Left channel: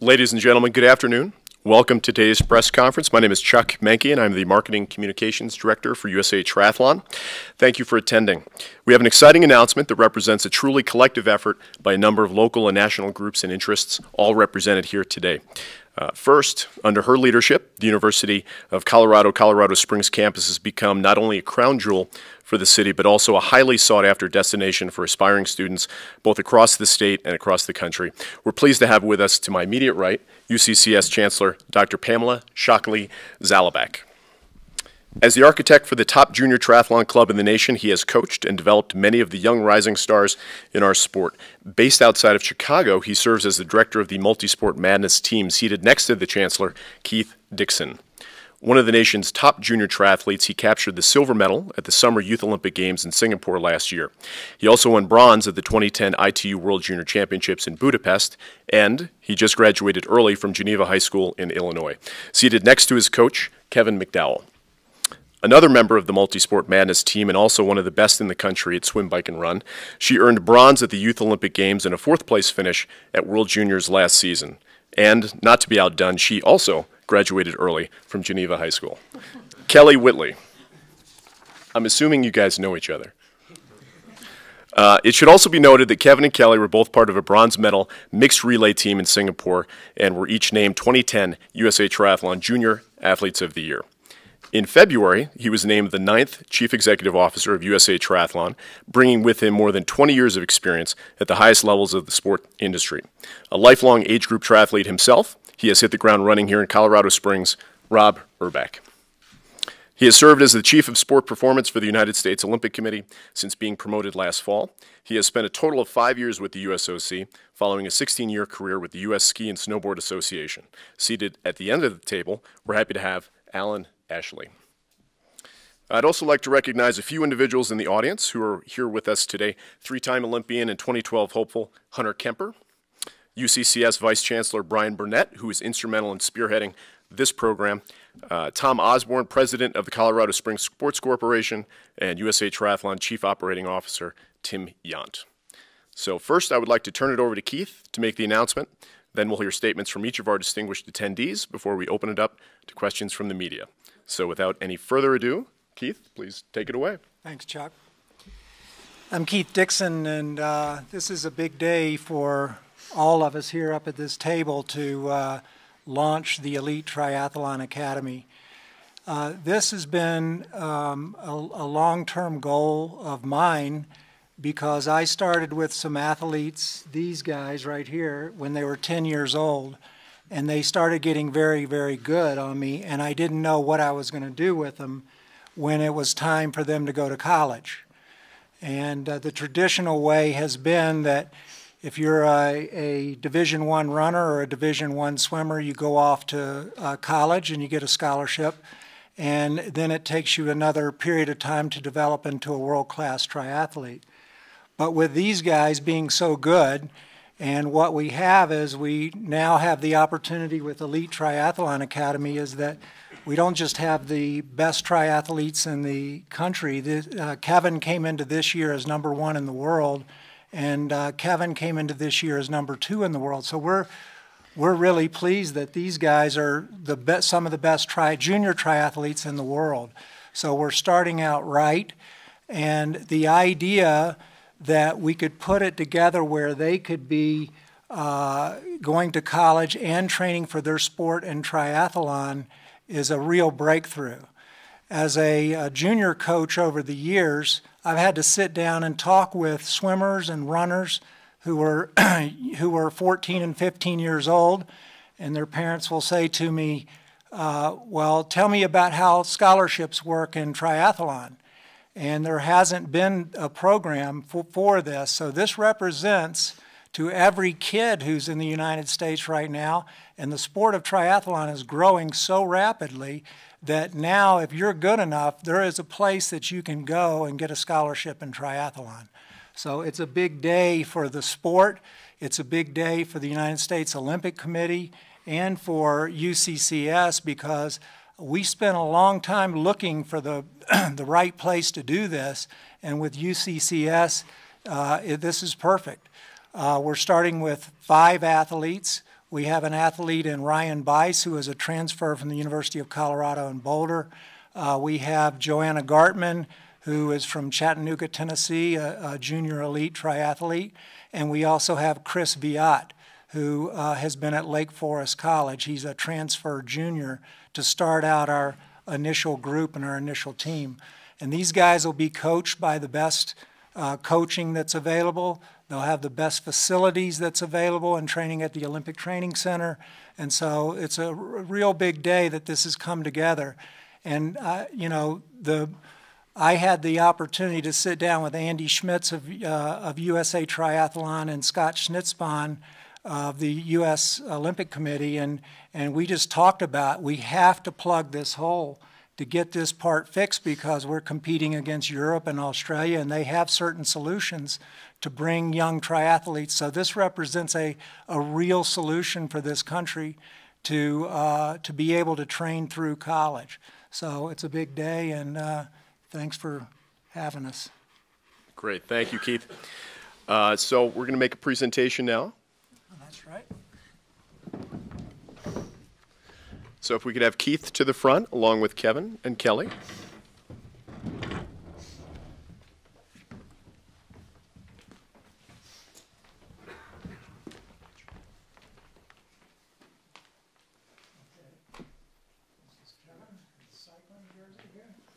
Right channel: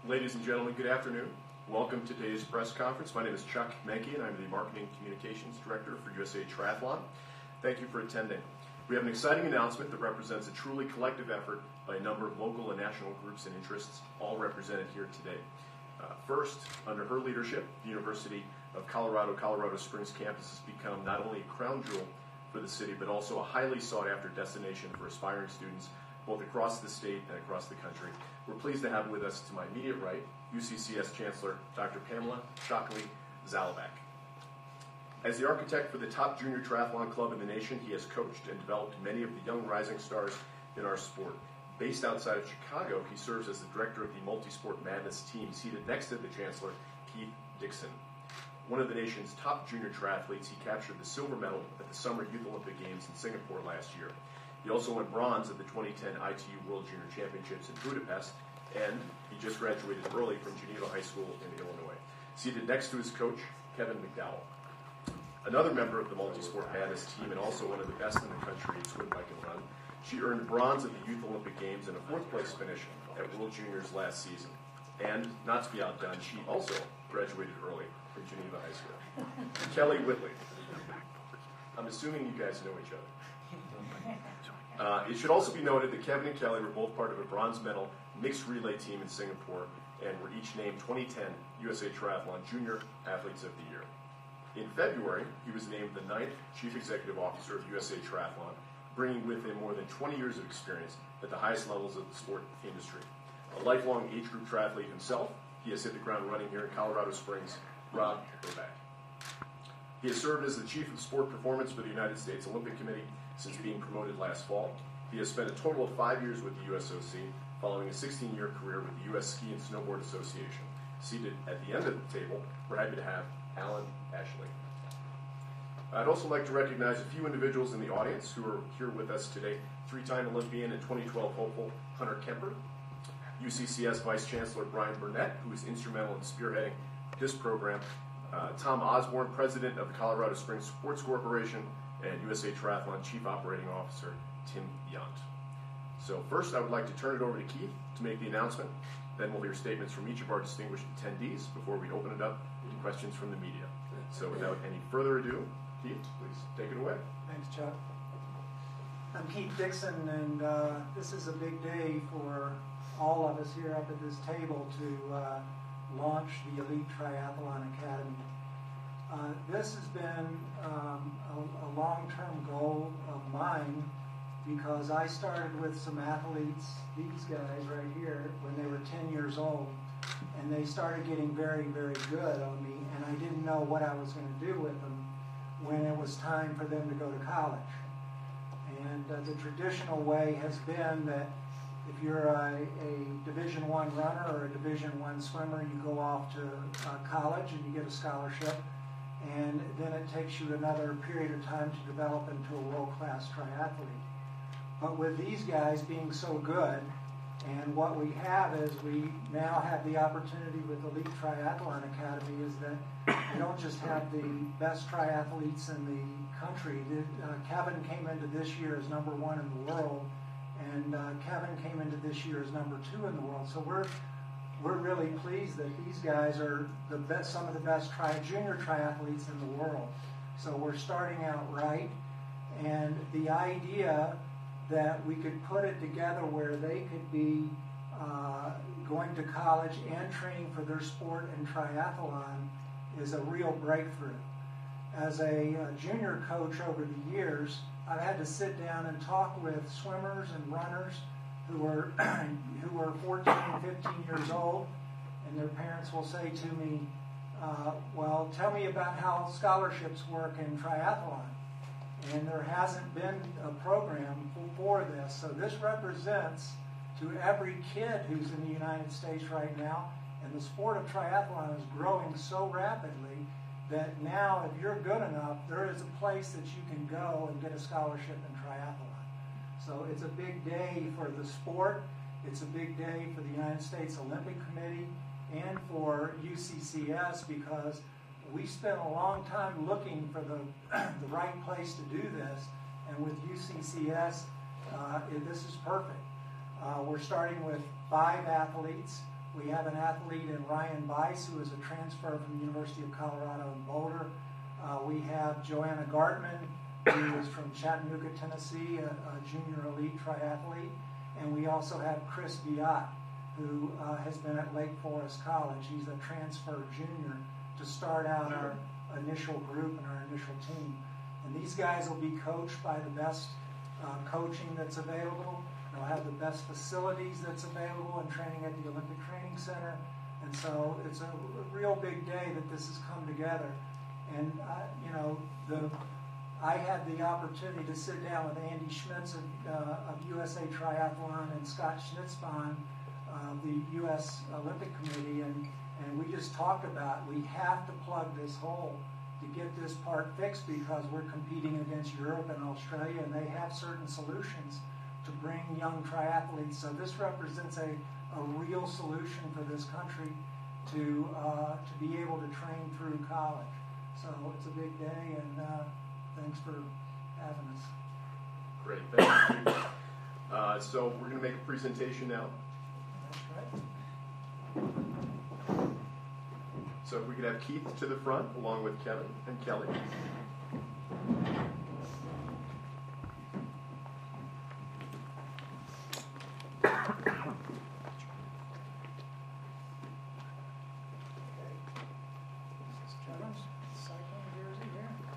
Ladies and gentlemen, good afternoon. Welcome to today's press conference. My name is Chuck Menke, and I'm the Marketing Communications Director for USA Triathlon. Thank you for attending. We have an exciting announcement that represents a truly collective effort by a number of local and national groups and interests, all represented here today. First, under her leadership, the University of Colorado Springs campus has become not only a crown jewel for the city, but also a highly sought-after destination for aspiring students both across the state and across the country. We're pleased to have with us to my immediate right, UCCS Chancellor Dr. Pamela Shockley-Zalabak. As the architect for the top junior triathlon club in the nation, he has coached and developed many of the young rising stars in our sport. Based outside of Chicago, he serves as the director of the Multisport Madness team, seated next to the Chancellor, Keith Dixon. One of the nation's top junior triathletes, he captured the silver medal at the Summer Youth Olympic Games in Singapore last year. He also won bronze at the 2010 ITU World Junior Championships in Budapest, and he just graduated early from Geneva High School in Illinois. Seated next to his coach, Kevin McDowell. Another member of the Multisport Madness team and also one of the best in the country at swim, bike, and run, she earned bronze at the Youth Olympic Games and a fourth-place finish at World Juniors last season. And, not to be outdone, she also graduated early from Geneva High School. Kelly Whitley. I'm assuming you guys know each other. It should also be noted that Kevin and Kelly were both part of a bronze medal mixed relay team in Singapore and were each named 2010 USA Triathlon Junior Athletes of the Year. In February, he was named the 9th Chief Executive Officer of USA Triathlon, bringing with him more than 20 years of experience at the highest levels of the sport industry. A lifelong age group triathlete himself, he has hit the ground running here in Colorado Springs. Rob Urbach. He has served as the Chief of Sport Performance for the United States Olympic Committee since being promoted last fall. He has spent a total of 5 years with the USOC, following a 16-year career with the U.S. Ski and Snowboard Association. Seated at the end of the table, we're happy to have Alan Ashley. I'd also like to recognize a few individuals in the audience who are here with us today. Three-time Olympian and 2012 hopeful Hunter Kemper, UCCS Vice Chancellor Brian Burnett, who is instrumental in spearheading this program, Tom Osborne, President of the Colorado Springs Sports Corporation, and USA Triathlon Chief Operating Officer Tim Yount. So first, I would like to turn it over to Keith to make the announcement. Then we'll hear statements from each of our distinguished attendees before we open it up to questions from the media. So without any further ado, Keith, please take it away. Thanks, Chuck. I'm Keith Dixon, and this is a big day for all of us here up at this table to launch the Elite Triathlon Academy. This has been a long-term goal of mine because I started with some athletes, these guys right here, when they were 10 years old, and they started getting very, very good on me, and I didn't know what I was going to do with them when it was time for them to go to college. And the traditional way has been that if you're a Division I runner or a Division I swimmer, you go off to college and you get a scholarship, and then it takes you another period of time to develop into a world-class triathlete. But with these guys being so good, and what we have is we now have the opportunity with Elite Triathlon Academy is that we don't just have the best triathletes in the country. Kevin came into this year as #1 in the world, and Kevin came into this year as #2 in the world. So we're really pleased that these guys are some of the best junior triathletes in the world. So we're starting out right, and the idea that we could put it together where they could be going to college and training for their sport in triathlon is a real breakthrough. As a junior coach over the years, I've had to sit down and talk with swimmers and runners who were 14 and 15 years old, and their parents will say to me, well, tell me about how scholarships work in triathlon. And there hasn't been a program for this. So this represents to every kid who's in the United States right now, and the sport of triathlon is growing so rapidly that now if you're good enough, there is a place that you can go and get a scholarship in triathlon. So it's a big day for the sport. It's a big day for the United States Olympic Committee and for UCCS because we spent a long time looking for the right place to do this, and with UCCS, this is perfect. We're starting with 5 athletes. We have an athlete in Ryan Bice, who is a transfer from the University of Colorado in Boulder. We have Joanna Gartman, who is from Chattanooga, Tennessee, a junior elite triathlete. And we also have Chris Viat, who has been at Lake Forest College. He's a transfer junior to start out our initial group and our initial team. And these guys will be coached by the best coaching that's available. They'll have the best facilities that's available and training at the Olympic Training Center. And so it's a real big day that this has come together. And, you know, I had the opportunity to sit down with Andy Schmitz of USA Triathlon and Scott Schnitzbahn of the U.S. Olympic Committee, and we just talked about we have to plug this hole to get this part fixed, because we're competing against Europe and Australia, and they have certain solutions to bring young triathletes. So this represents a real solution for this country to be able to train through college. So it's a big day, and thanks for having us. Great, thank you, Keith. So we're going to make a presentation now. That's right. So if we could have Keith to the front, along with Kevin and Kelly.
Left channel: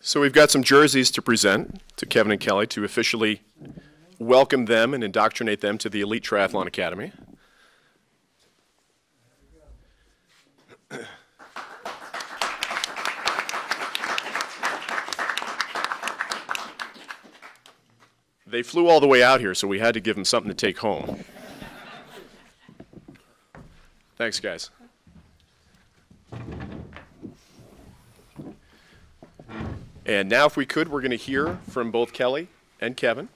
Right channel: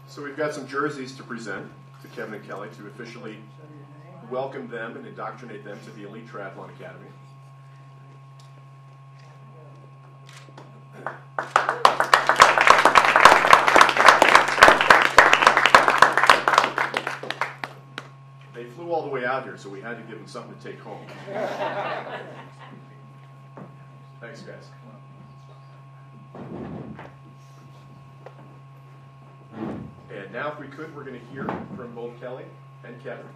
So we've got some jerseys to present to Kevin and Kelly to officially welcome them and indoctrinate them to the Elite Triathlon Academy. They flew all the way out here, so we had to give them something to take home. Thanks, guys. And now, if we could, we're going to hear from both Kelly and Kevin.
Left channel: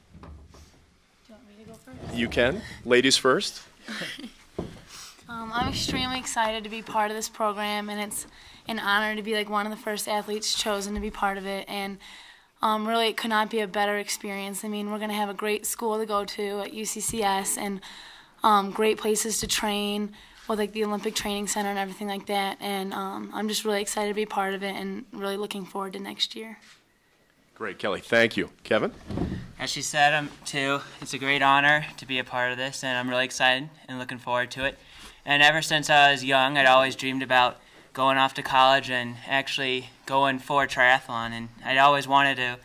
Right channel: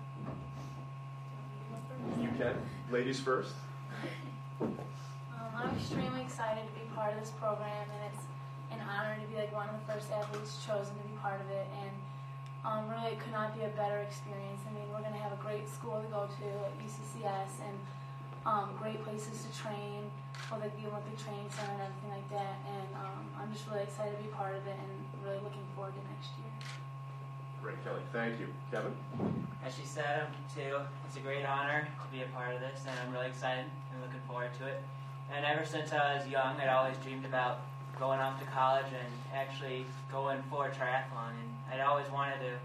You can. Ladies first. I'm extremely excited to be part of this program, and it's an honor to be like one of the first athletes chosen to be part of it. And really, it could not be a better experience. I mean, we're going to have a great school to go to at UCCS, and great places to train with like the Olympic Training Center and everything like that. And I'm just really excited to be part of it, and really looking forward to next year. Great, Kelly. Thank you. Kevin? As she said, too, it's a great honor to be a part of this, and I'm really excited and looking forward to it. And ever since I was young, I'd always dreamed about going off to college and actually going for triathlon, and I'd always wanted to.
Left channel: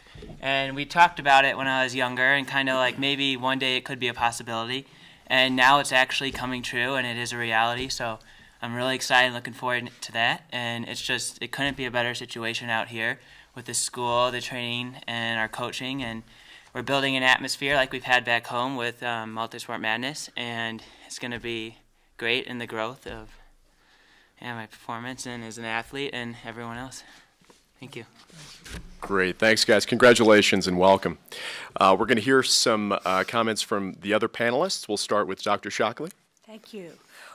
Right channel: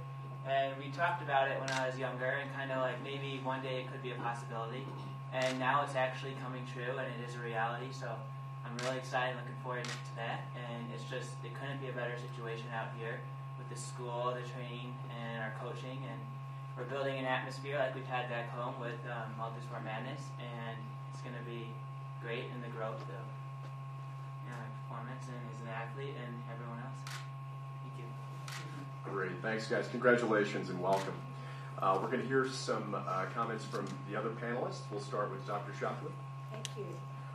And we talked about it when I was younger, and kind of like maybe one day it could be a possibility. And now it's actually coming true, and it is a reality. So I'm really excited and looking forward to that. And it's just, it couldn't be a better situation out here with the school, the training, and our coaching. And we're building an atmosphere like we've had back home with Multisport Madness. And it's going to be great in the growth of my performance and as an athlete and everyone else. Thank you. Great. Thanks, guys. Congratulations and welcome. We're going to hear some comments from the other panelists. We'll start with Dr. Shockley. Thank you.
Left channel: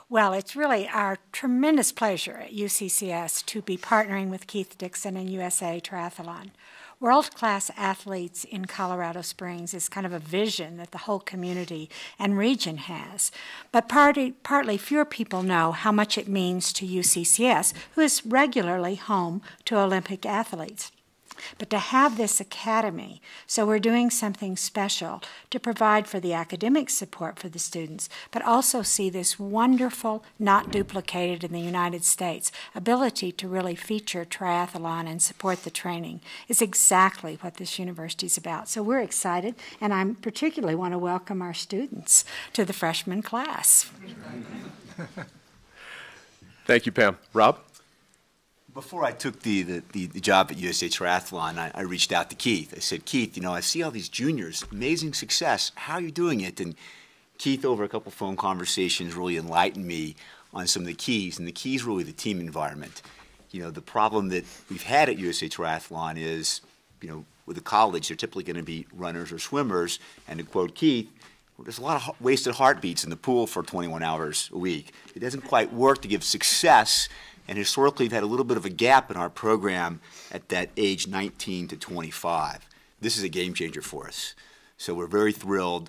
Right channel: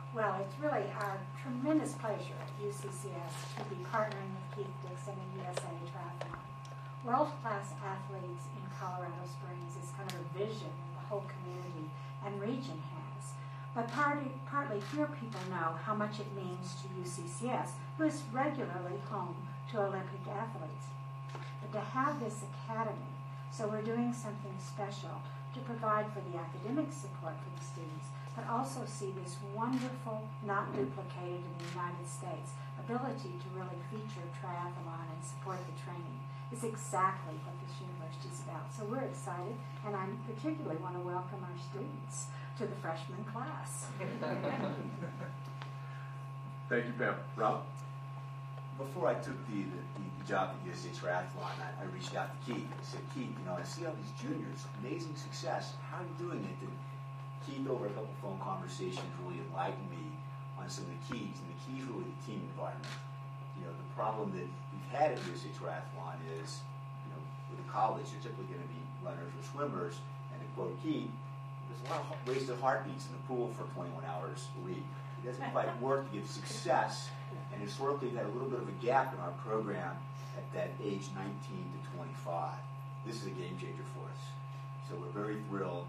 Well, it's really our tremendous pleasure at UCCS to be partnering with Keith Dixon and USA Triathlon. World-class athletes in Colorado Springs is kind of a vision that the whole community and region has. But partly fewer people know how much it means to UCCS, who is regularly home to Olympic athletes. But to have this academy, so we're doing something special to provide for the academic support for the students, but also see this wonderful, not duplicated in the United States, ability to really feature triathlon and support the training is exactly what this university is about. So we're excited, and I particularly want to welcome our students to the freshman class. Thank you, Pam. Rob? Before I took the job at USA Triathlon, I reached out to Keith. I said, Keith, you know, I see all these juniors, amazing success. How are you doing it? And Keith, over a couple phone conversations, really enlightened me on some of the keys, and the key is really the team environment. You know, the problem that we've had at USA Triathlon is, you know, with the college, they're typically going to be runners or swimmers, and to quote Keith, there's a lot of wasted heartbeats in the pool for 21 hours a week. It doesn't quite work to give success. And historically, we've had a little bit of a gap in our program at that age 19 to 25. This is a game changer for us. So we're very thrilled,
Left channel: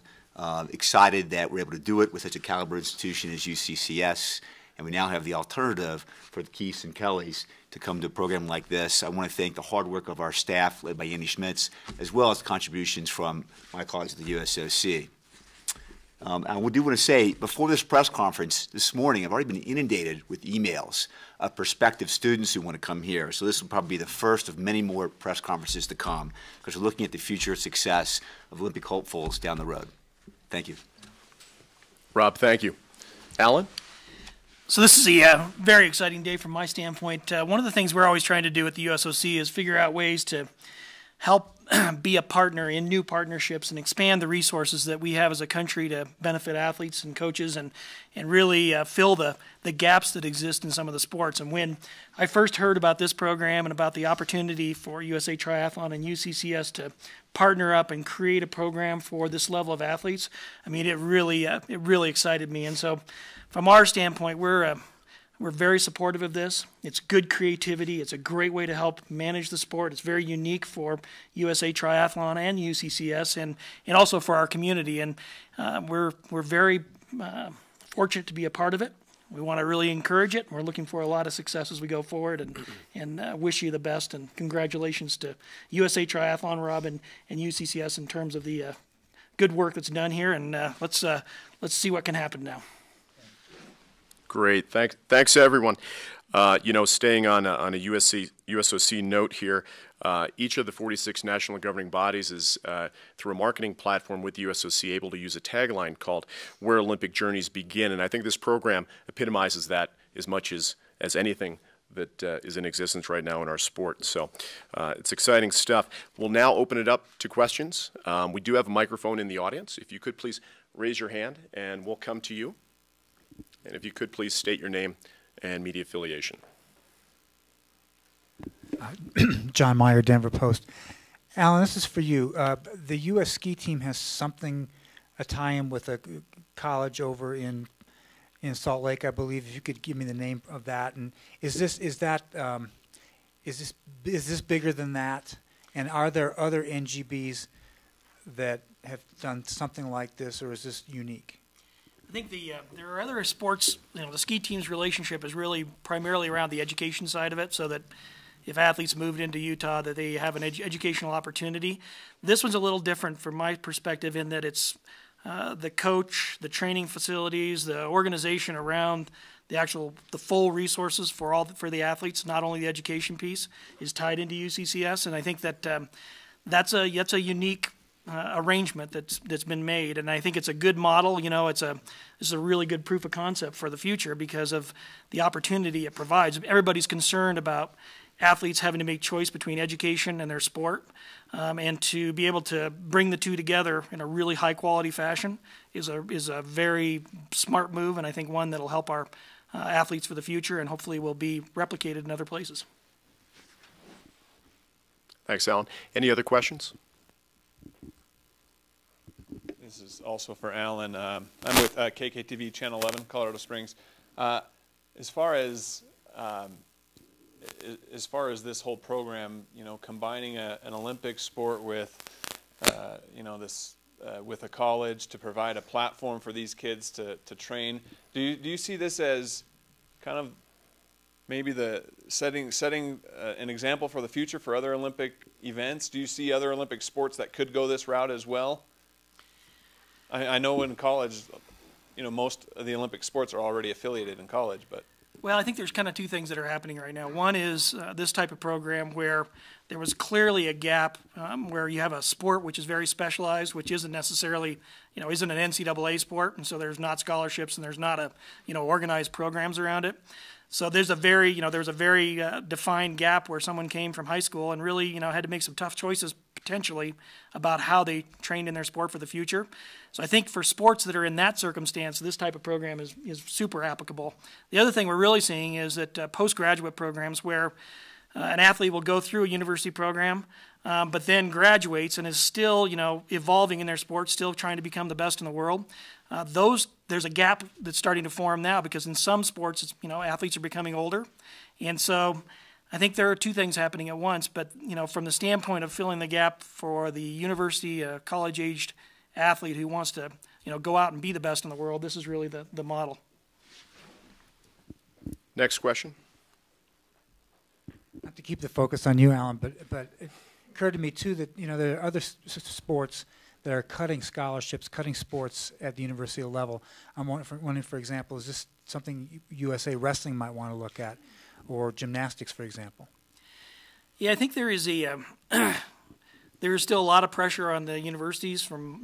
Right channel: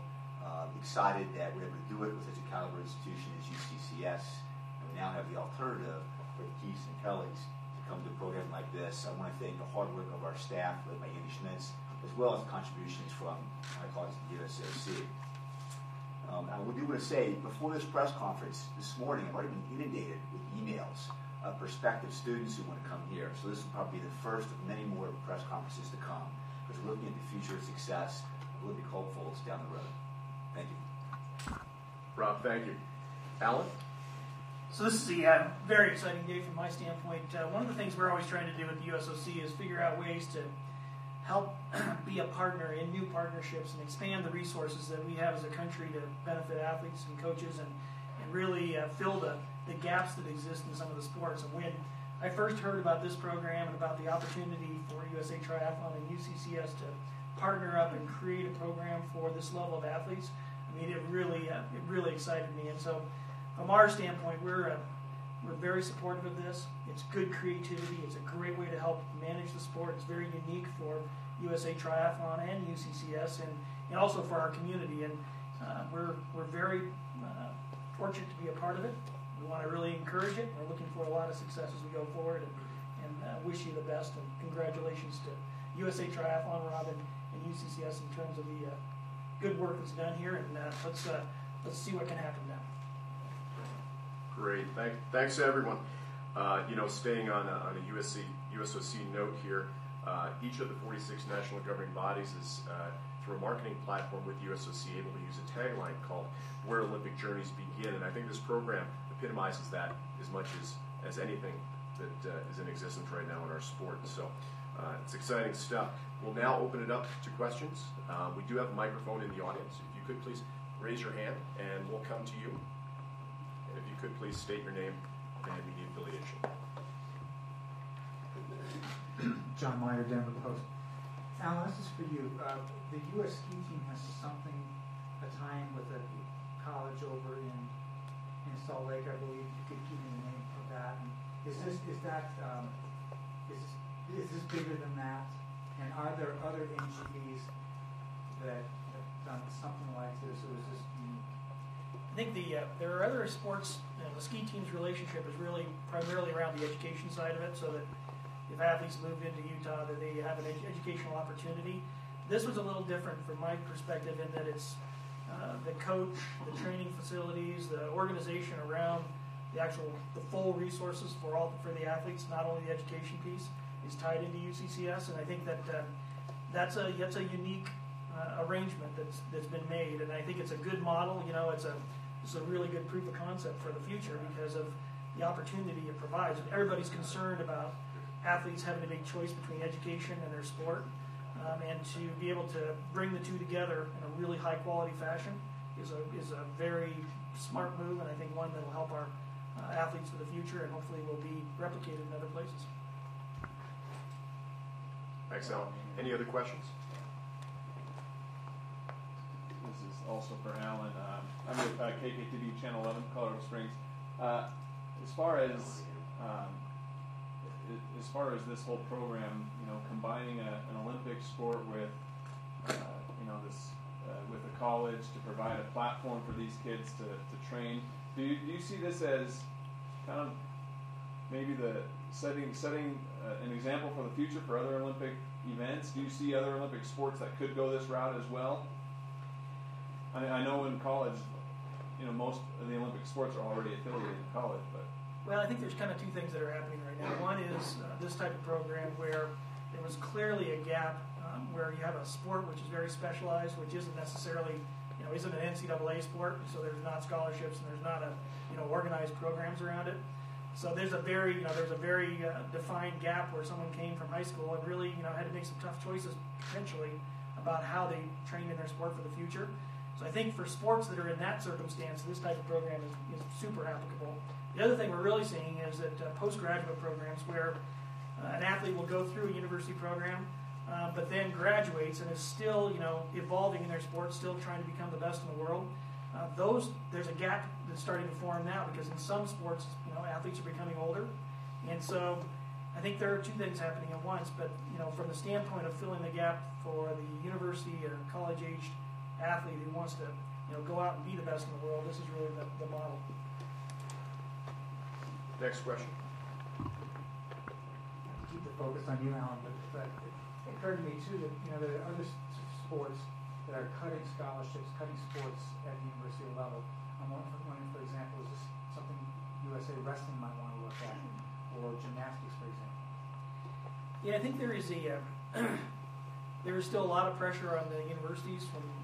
excited that we're able to do it with such a caliber institution as UCCS. and we now have the alternative for the Keiths and Kellys to come to a program like this. I want to thank the hard work of our staff, led by Andy Schmitz, as well as contributions from my colleagues at the USOC. I do want to say, before this press conference this morning, I've already been inundated with emails of prospective students who want to come here. So this will probably be the first of many more press conferences to come, because we're looking at the future success of Olympic hopefuls down the road. Thank you. Rob, thank you. Alan? So this is a very exciting day from my standpoint. One of the things we're always trying to do at the USOC is figure out ways to help be a partner in new partnerships and expand the resources that we have as a country to benefit athletes and coaches and really fill the gaps that exist in some of the sports. And when I first heard about this program and about the opportunity for USA Triathlon and UCCS to partner up and create a program for this level of athletes, I mean, it really excited me. And so from our standpoint, we're very supportive of this. It's good creativity. It's a great way to help manage the sport. It's very unique for USA Triathlon and UCCS and also for our community. And we're very fortunate to be a part of it. We want to really encourage it. We're looking for a lot of success as we go forward and wish you the best. And congratulations to USA Triathlon, Rob, and UCCS in terms of the good work that's done here. And let's see what can happen now. Great. Thanks to everyone. You know, staying on a USOC note here, each of the 46 national governing bodies is, through a marketing platform with the USOC, able to use a tagline called "Where Olympic Journeys Begin," and I think this program epitomizes that as much as anything that is in existence right now in our sport. So it's exciting stuff. We'll now open it up to questions. We do have a microphone in the audience. If you could please raise your hand, and we'll come to you. And if you could please state your name and media affiliation. John Meyer, Denver Post. Alan, this is for you. The U.S. ski team has a tie-in with a college over in Salt Lake, I believe. If you could give me the name of that, and is this bigger than that? And are there other NGBs that have done something like this, or is this unique? I think there are other sports. You know, the ski team's relationship is really primarily around the education side of it, so that if athletes moved into Utah, that they have an educational opportunity. This one's a little different from my perspective in that it's the coach, the training facilities, the organization around the full resources for the athletes, not only the education piece, is tied into UCCS, and I think that that's a unique arrangement that's been made, and I think it's a good model. You know, this is a really good proof of concept for the future because of the opportunity it provides. Everybody's concerned about athletes having to make choice between education and their sport, and to be able to bring the two together in a really high quality fashion is a very smart move, and I think one that'll help our athletes for the future and hopefully will be replicated in other places. Thanks, Alan. Any other questions? This is also for Alan. I'm with KKTV Channel 11, Colorado Springs. As far as this whole program, you know, combining an Olympic sport with, you know, with a college to provide a platform for these kids to train, do you see this as kind of maybe the setting an example for the future for other Olympic events? Do you see other Olympic sports that could go this route as well? I know in college, you know, most of the Olympic sports are already affiliated in college, but. Well, I think there's kind of two things that are happening right now. One is this type of program where there was clearly a gap where you have a sport which is very specialized, which isn't necessarily, you know, isn't an NCAA sport, and so there's not scholarships and there's not organized programs around it. So there's a very, defined gap where someone came from high school and really, had to make some tough choices potentially about how they trained in their sport for the future. So I think for sports that are in that circumstance, this type of program is super applicable. The other thing we're really seeing is that postgraduate programs where an athlete will go through a university program, but then graduates and is still, evolving in their sport, still trying to become the best in the world. There's a gap that's starting to form now because in some sports, athletes are becoming older, and so I think there are two things happening at once. But from the standpoint of filling the gap for the university, college-aged athlete who wants to, go out and be the best in the world, this is really the model. Next question. Not to keep the focus on you, Alan, but it occurred to me too that there are other sports that are cutting scholarships, cutting sports at the university level. I'm wondering, for example, is this something USA Wrestling might want to look at, or gymnastics, for example? Yeah, I think there is there is still a lot of pressure on the universities from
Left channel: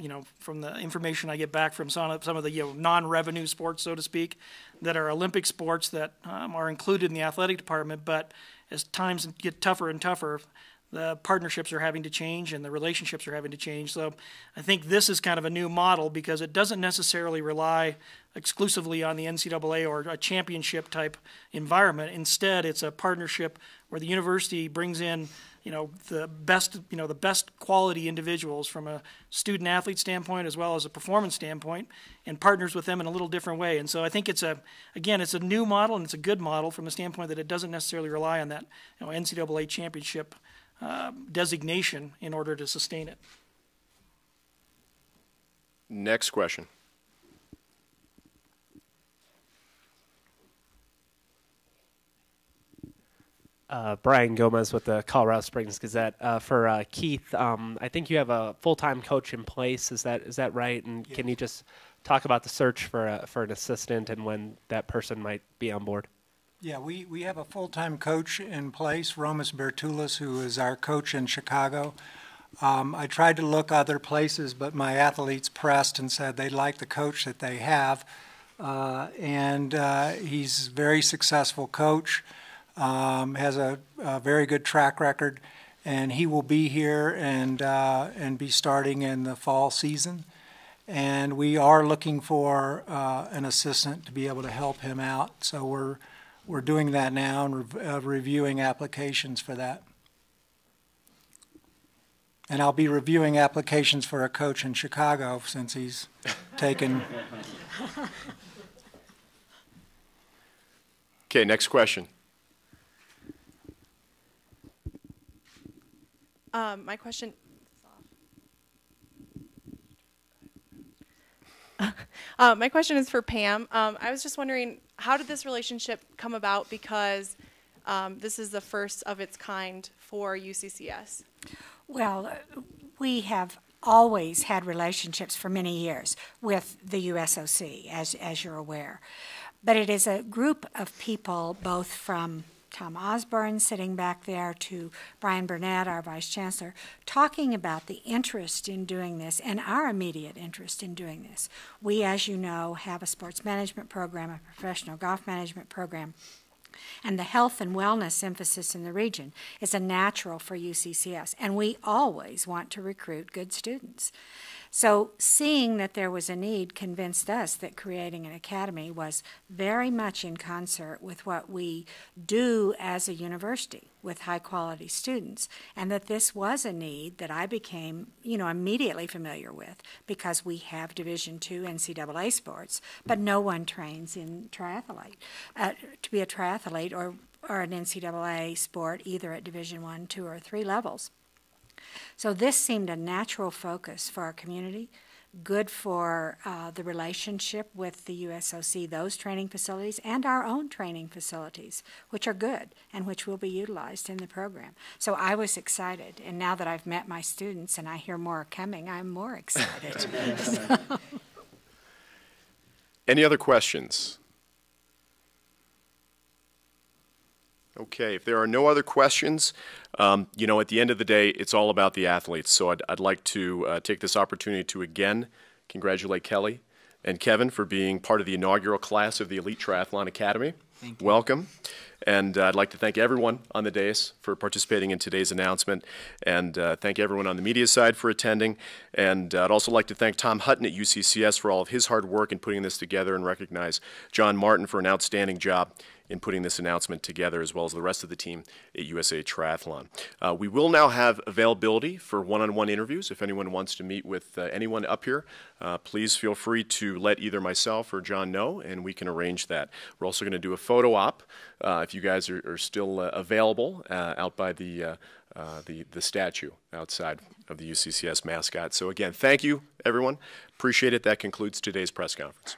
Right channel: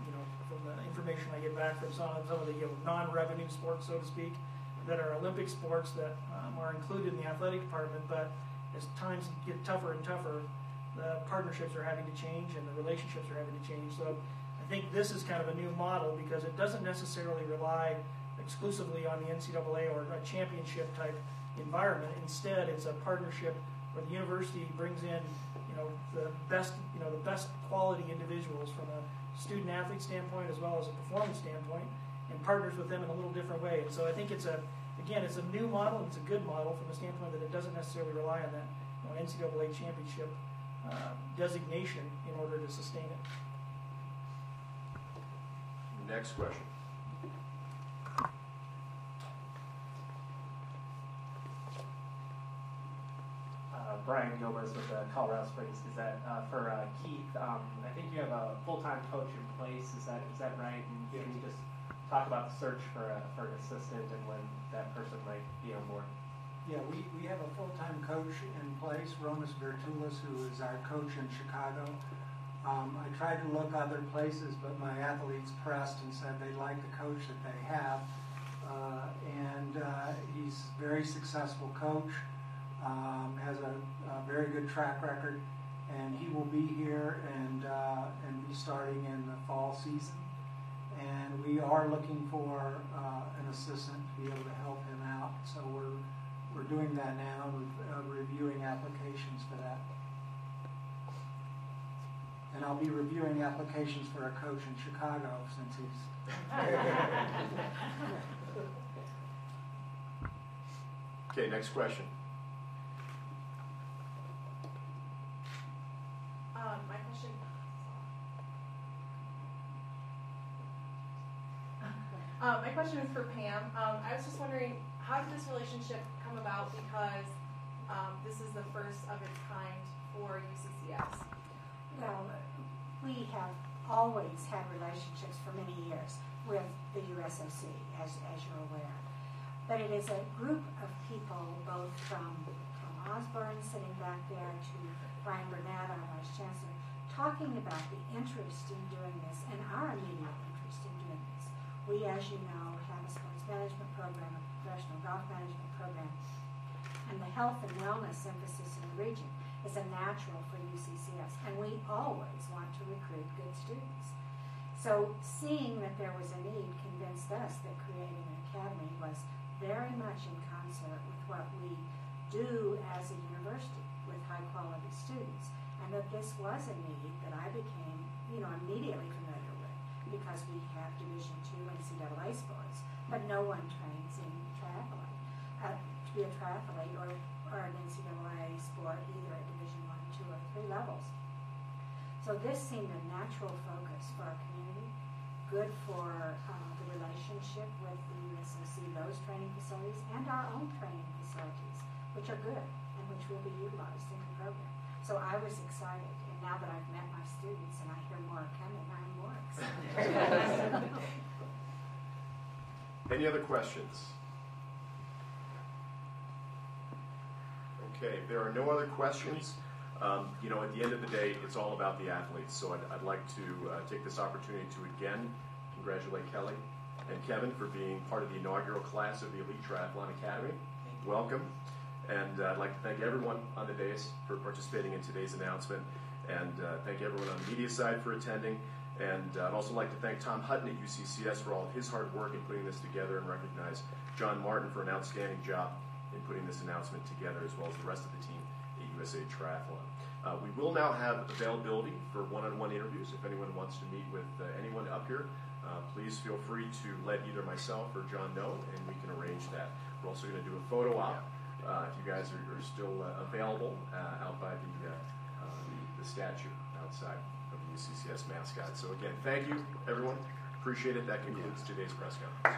the information I get back from some of the non-revenue sports, so to speak, that are Olympic sports that are included in the athletic department. But as times get tougher and tougher, the partnerships are having to change and the relationships are having to change. So I think this is kind of a new model because it doesn't necessarily rely exclusively on the NCAA or a championship type environment. Instead, it's a partnership where the university brings in the best quality individuals from a student athlete standpoint as well as a performance standpoint, and partners with them in a little different way. And so I think it's a new model, and it's a good model from the standpoint that it doesn't necessarily rely on that NCAA championship designation in order to sustain it. Next question. Brian Gomez with the Colorado Springs Gazette. For Keith, I think you have a full-time coach in place. Is that right? And can you just talk about the search for an assistant and when that person might be on board? Yeah, we have a full-time coach in place, Romas Bertulis, who is our coach in Chicago. I tried to look other places, but my athletes pressed and said they like the coach that they have. And he's a very successful coach, has a very good track record, and he will be here and be starting in the fall season. And we are looking for an assistant to be able to help him out. So we're doing that now and reviewing applications for that. And I'll be reviewing applications for a coach in Chicago since he's taken. Okay, next question. My question. My question is for Pam. I was just wondering, how did this relationship come about? Because this is the first of its kind for UCCS. Well, we have always had relationships for many years with the USOC, as you're aware. But it is a group of people, both from Tom Osborne sitting back there to Brian Burnett, our Vice Chancellor, talking about the interest in doing this and our immediate interest in doing this. We, as you know, have a sports management program, a professional golf management program, and the health and wellness emphasis in the region is a natural for UCCS, and we always want to recruit good students. So seeing that there was a need convinced us that creating an academy was very much in concert with what we do as a university with high-quality students, and that this was a need that I became, immediately familiar with because we have Division II NCAA sports, but no one trains in triathlete. To be a triathlete or an NCAA sport either at Division I, II, or III levels. So this seemed a natural focus for our community, good for the relationship with the USOC, those training facilities, and our own training facilities, which are good and which will be utilized in the program. So I was excited, and now that I've met my students and I hear more are coming, I'm more excited. Any other questions? Okay, if there are no other questions, at the end of the day, it's all about the athletes. So I'd like to take this opportunity to again congratulate Kelly and Kevin for being part of the inaugural class of the Elite Triathlon Academy. Thank you. Welcome. And I'd like to thank everyone on the dais for participating in today's announcement, and thank everyone on the media side for attending. And I'd also like to thank Tom Hutton at UCCS for all of his hard work in putting this together, and recognize John Martin for an outstanding job in putting this announcement together, as well as the rest of the team at USA Triathlon. We will now have availability for one-on-one interviews. If anyone wants to meet with anyone up here, please feel free to let either myself or John know, and we can arrange that. We're also going to do a photo op if you guys are still available out by the statue outside of the UCCS mascot. So again, thank you, everyone. Appreciate it. That concludes today's press conference.